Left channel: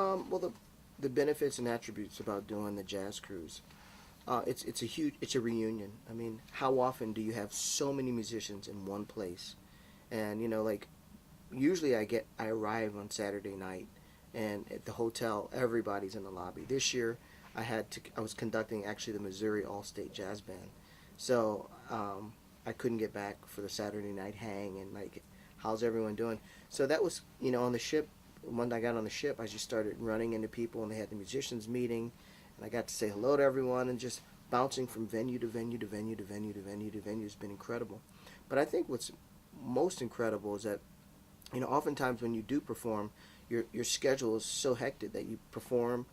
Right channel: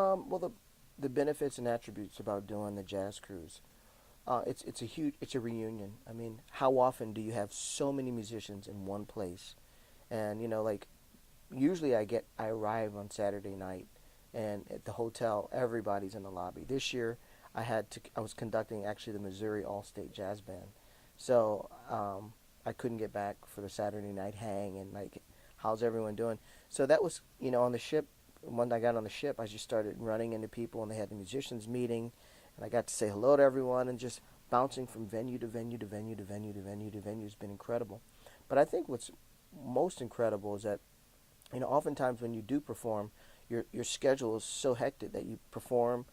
Well, the benefits and attributes about doing the jazz cruise. It's a reunion. I mean, how often do you have so many musicians in one place? And like usually I arrive on Saturday night, and at the hotel everybody's in the lobby. This year I was conducting actually the Missouri All State Jazz Band, so I couldn't get back for the Saturday night hang and like how's everyone doing. So that was on the ship. When I got on the ship, I just started running into people, and they had the musicians meeting, and I got to say hello to everyone, and just bouncing from venue to venue to venue to venue to venue to venue has been incredible. But I think what's most incredible is that oftentimes when you do perform, your schedule is so hectic that you perform,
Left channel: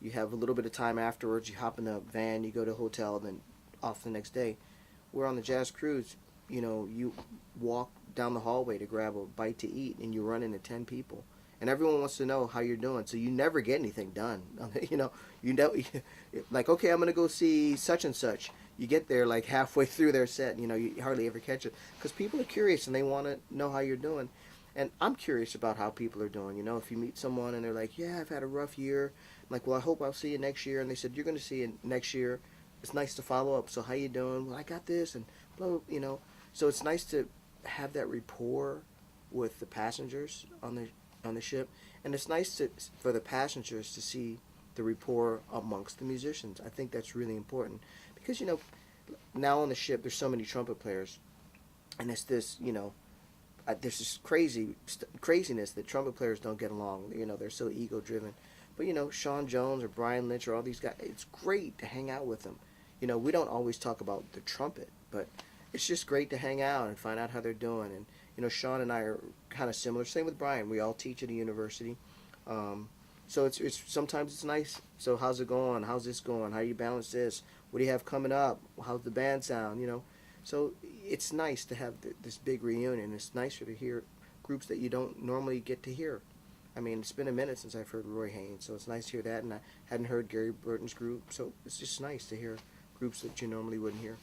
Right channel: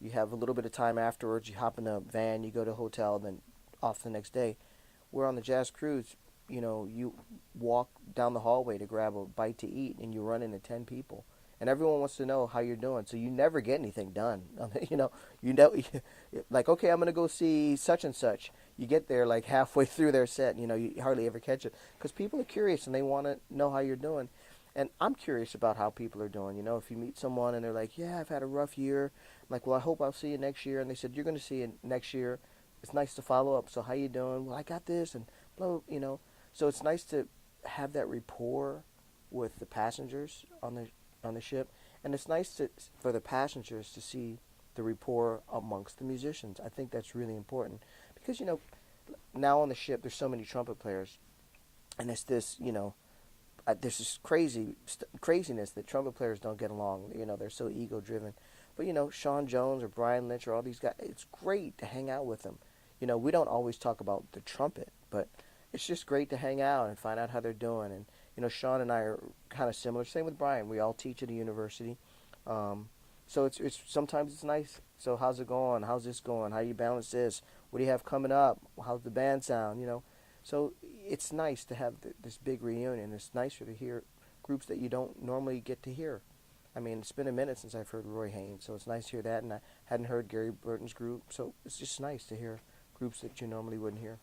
you have a little bit of time afterwards, you hop in a van, you go to a hotel, then off the next day. We're on the jazz cruise, you walk down the hallway to grab a bite to eat, and you run into 10 people. And everyone wants to know how you're doing, so you never get anything done. You know, like, okay, I'm gonna go see such and such. You get there like halfway through their set. You hardly ever catch it because people are curious and they want to know how you're doing. And I'm curious about how people are doing. If you meet someone and they're like, "Yeah, I've had a rough year," I'm like, "Well, I hope I'll see you next year." And they said, "You're going to see it next year." It's nice to follow up. So how you doing? Well, I got this and blah, blah, So it's nice to have that rapport with the passengers on the ship, and it's nice for the passengers to see the rapport amongst the musicians. I think that's really important because now on the ship there's so many trumpet players, and it's this there's this craziness that trumpet players don't get along. They're so ego driven. But Sean Jones or Brian Lynch or all these guys, it's great to hang out with them. We don't always talk about the trumpet, but it's just great to hang out and find out how they're doing. And Sean and I are kind of similar. Same with Brian. We all teach at a university. So it's sometimes it's nice. So how's it going? How's this going? How do you balance this? What do you have coming up? How's the band sound? So it's nice to have this big reunion. It's nicer to hear groups that you don't normally get to hear. I mean, it's been a minute since I've heard Roy Haynes, so it's nice to hear that. And I hadn't heard Gary Burton's group, so it's just nice to hear groups that you normally wouldn't hear.